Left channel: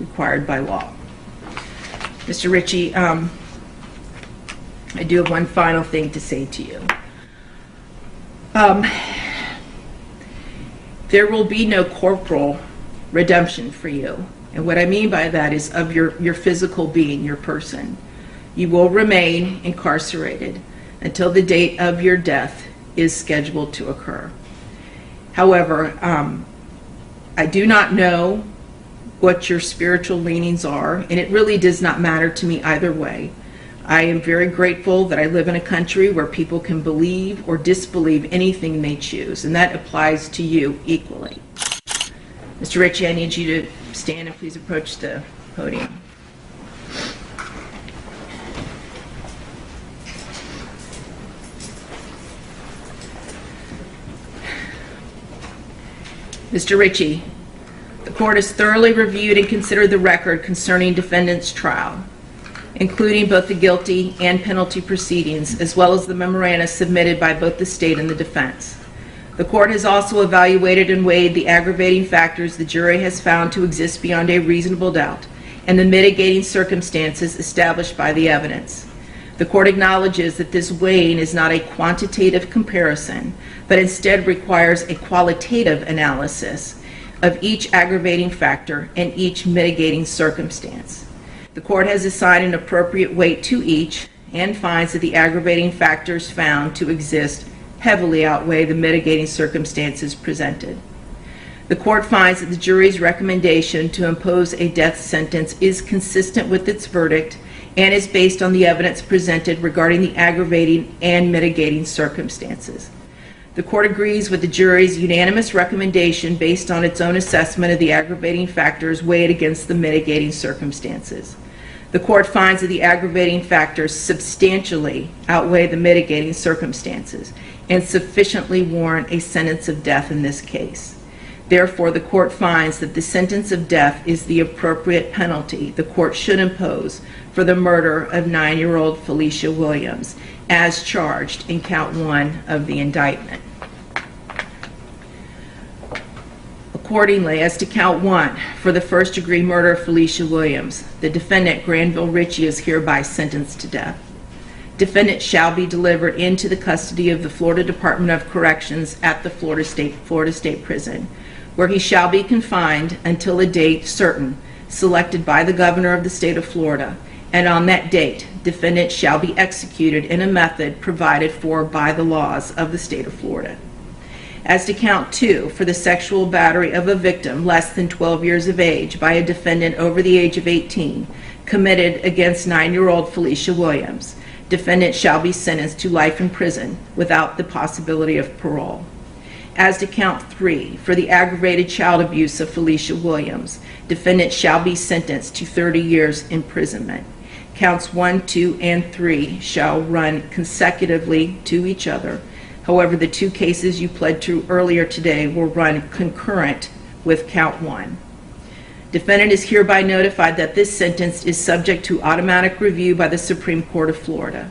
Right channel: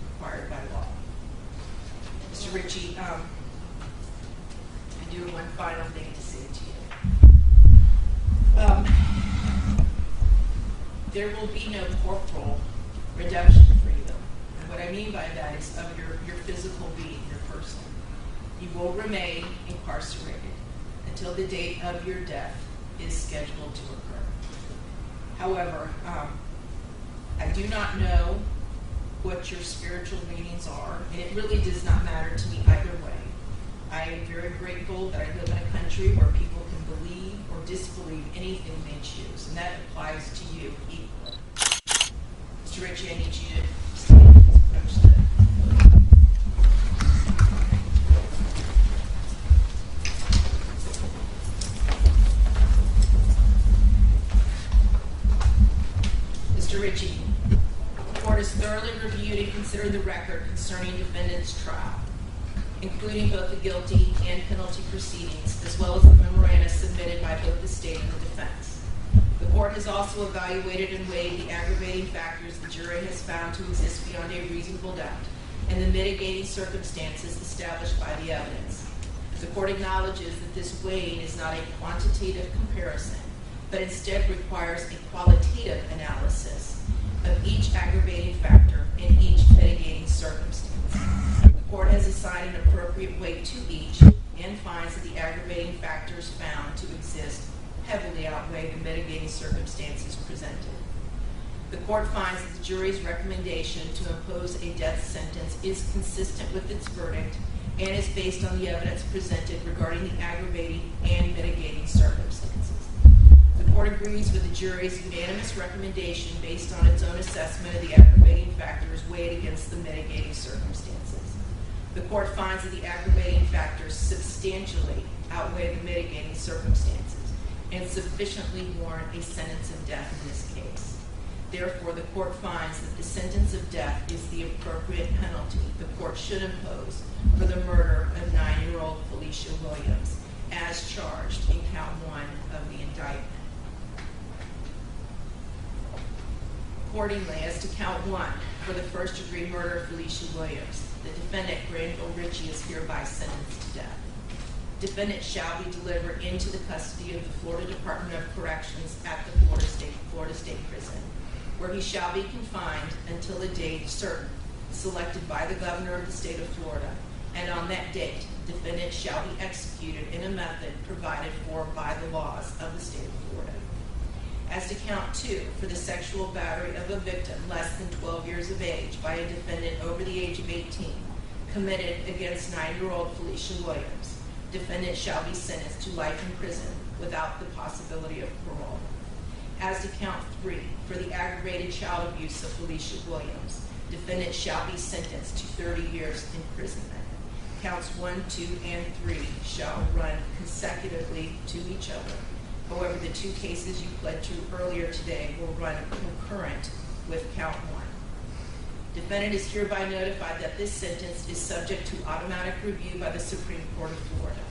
required by law. Mr. Ritchie, I do have one final thing to say to you. There will be no corporal redemption for you. And what I mean by that is of your physical being, your person. You will remain incarcerated until the date of your death is scheduled to occur. However, I do not know what your spiritual leanings are, and it really does not matter to me either way. I am very grateful that I live in a country where people can believe or disbelieve anything they choose, and that applies to you equally. Mr. Ritchie, I need you to stand and please approach the podium. Mr. Ritchie, the court has thoroughly reviewed and considered the record concerning defendant's trial, including both the guilty and penalty proceedings, as well as the memoranda submitted by both the state and the defense. The court has also evaluated and weighed the aggravating factors the jury has found to exist beyond a reasonable doubt and the mitigating circumstances established by the evidence. The court acknowledges that this weighing is not a quantitative comparison, but instead requires a qualitative analysis of each aggravating factor and each mitigating circumstance. The court has assigned an appropriate weight to each and finds that the aggravating factors found to exist heavily outweigh the mitigating circumstances presented. The court finds that the jury's recommendation to impose a death sentence is consistent with its verdict and is based on the evidence presented regarding the aggravating and mitigating circumstances. The court agrees with the jury's unanimous recommendation based on its own assessment of the aggravating factors weighed against the mitigating circumstances. The court finds that the aggravating factors substantially outweigh the mitigating circumstances and sufficiently warrant a sentence of death in this case. Therefore, the court finds that the sentence of death is the appropriate penalty the court should impose for the murder of 9-year-old Felicia Williams, as charged in count 1 of the indictment. Accordingly, as to count 1, for the first-degree murder of Felicia Williams, the defendant, Granville Ritchie, is hereby sentenced to death. Defendant shall be delivered into the custody of the Florida Department of Corrections at the Florida State Prison, where he shall be confined until a date certain, selected by the governor of the state of Florida, and on that date, defendant shall be executed in a method provided for by the laws of the state of Florida. As to count 2, for the sexual battery of a victim less than 12 years of age by a defendant over the age of 18, committed against 9-year-old Felicia Williams, defendant shall be sentenced to life in prison without the possibility of parole. As to count 3, for the aggravated child abuse of Felicia Williams, defendant shall be sentenced to 30 years imprisonment. Counts 1, 2, and 3 shall run consecutively to each other. However, the 2 cases you pled to earlier today will run concurrent with count 1. Defendant is hereby notified that this sentence is subject to automatic review by the Supreme Court of Florida.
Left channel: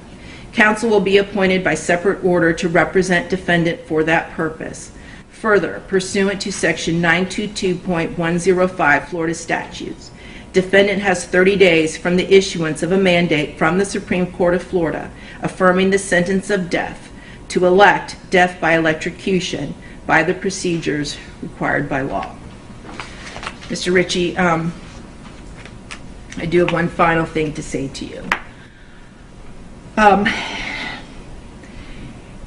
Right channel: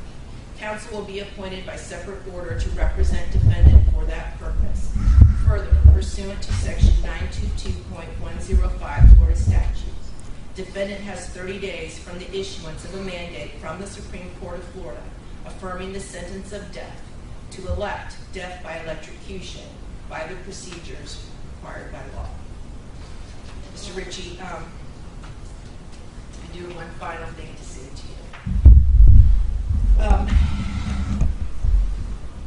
Counsel will be appointed by separate order to represent defendant for that purpose. Further, pursuant to section 922.105 Florida statutes, defendant has 30 days from the issuance of a mandate from the Supreme Court of Florida affirming the sentence of death to elect death by electrocution by the procedures required by law. Mr. Ritchie, I do have one final thing to say to you.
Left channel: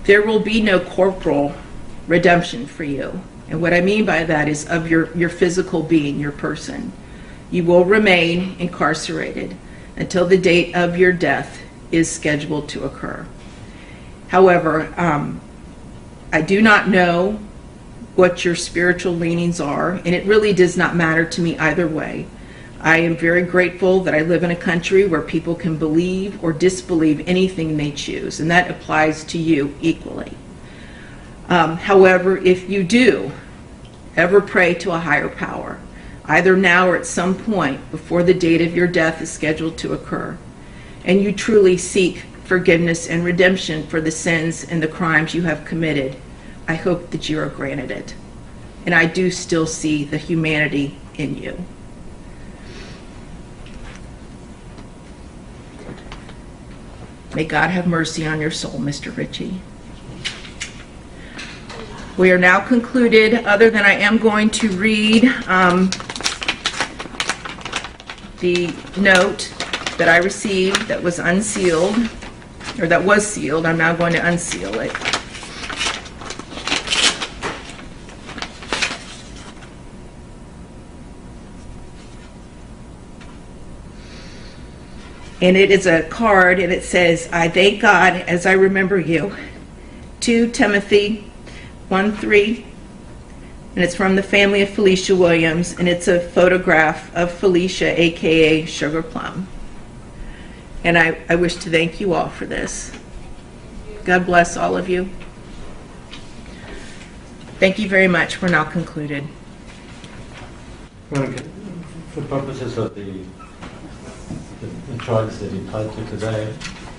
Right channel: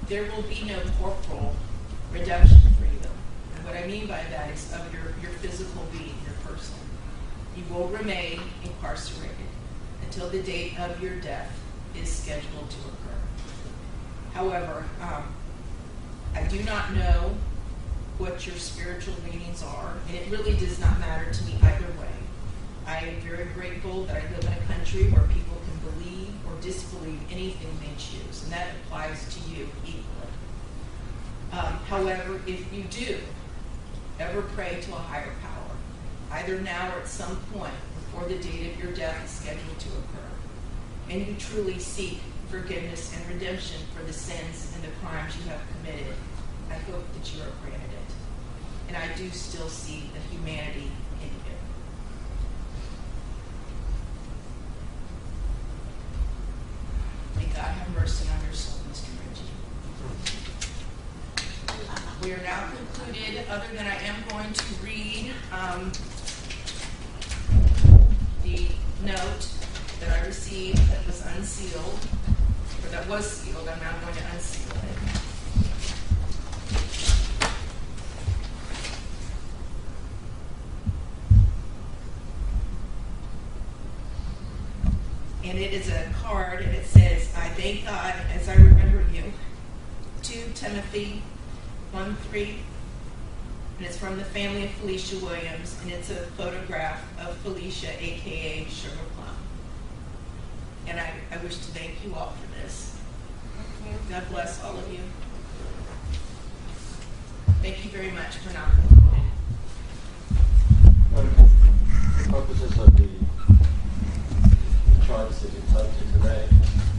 There will be no corporal redemption for you. And what I mean by that is of your physical being, your person. You will remain incarcerated until the date of your death is scheduled to occur. However, I do not know what your spiritual leanings are, and it really does not matter to me either way. I am very grateful that I live in a country where people can believe or disbelieve anything they choose, and that applies to you equally. However, if you do ever pray to a higher power, either now or at some point before the date of your death is scheduled to occur, and you truly seek forgiveness and redemption for the sins and the crimes you have committed, I hope that you are granted it. And I do still see the humanity in you. May God have mercy on your soul, Mr. Ritchie. We are now concluded, other than I am going to read the note that I received that was unsealed, or that was sealed. I'm now going to unseal it. And it is a card, and it says, "I thank God as I remember you." 2 Timothy 1:3, and it's from the family of Felicia Williams, and it's a photograph of Felicia, aka Sugar Plum. And I wish to thank you all for this. God bless all of you. Thank you very much. We're now concluded. For purposes of the charges that you pled to today,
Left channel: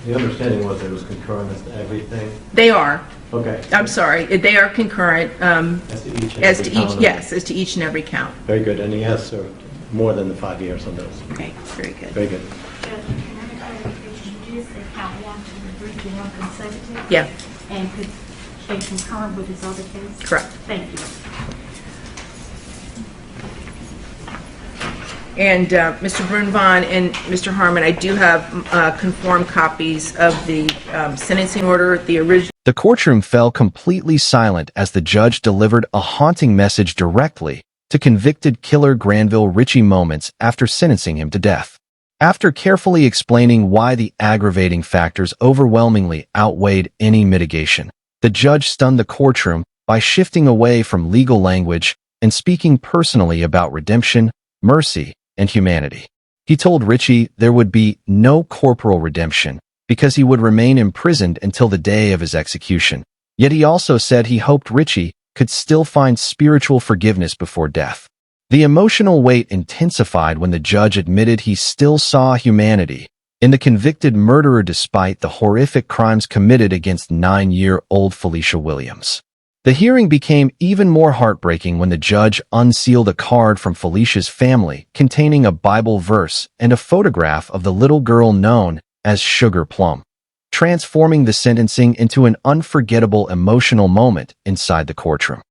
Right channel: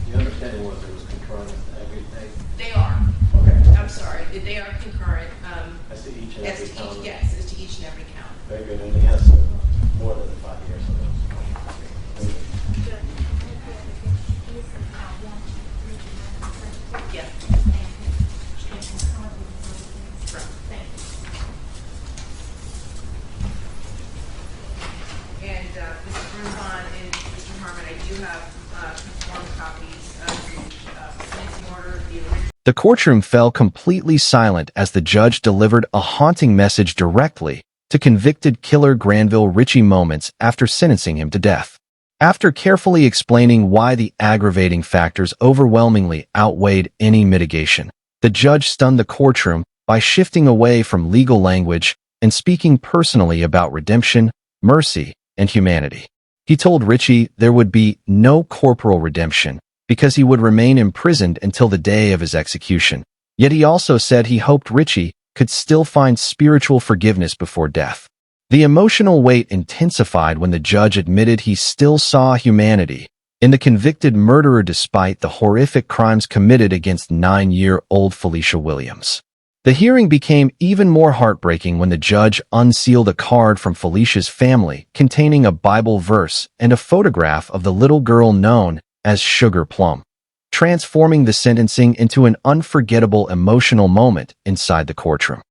the understanding was that it was concurrent as to everything? They are. Okay. I'm sorry. They are concurrent. As to each and every count? Yes, as to each and every count. Very good. And he has served more than the 5 years on those. Okay, very good. Very good. Yeah, And concurrent with his other case? correct. Thank you. And Mr. Brunvon and Mr. Harmon, I do have conformed copies of the sentencing order, the original. The courtroom fell completely silent as the judge delivered a haunting message directly to convicted killer Granville Ritchie moments after sentencing him to death. After carefully explaining why the aggravating factors overwhelmingly outweighed any mitigation, the judge stunned the courtroom by shifting away from legal language and speaking personally about redemption, mercy, and humanity. He told Ritchie there would be no corporal redemption because he would remain imprisoned until the day of his execution. Yet he also said he hoped Ritchie could still find spiritual forgiveness before death. The emotional weight intensified when the judge admitted he still saw humanity in the convicted murderer despite the horrific crimes committed against 9-year-old Felicia Williams. The hearing became even more heartbreaking when the judge unsealed a card from Felicia's family containing a Bible verse and a photograph of the little girl known as Sugar Plum, transforming the sentencing into an unforgettable emotional moment inside the courtroom.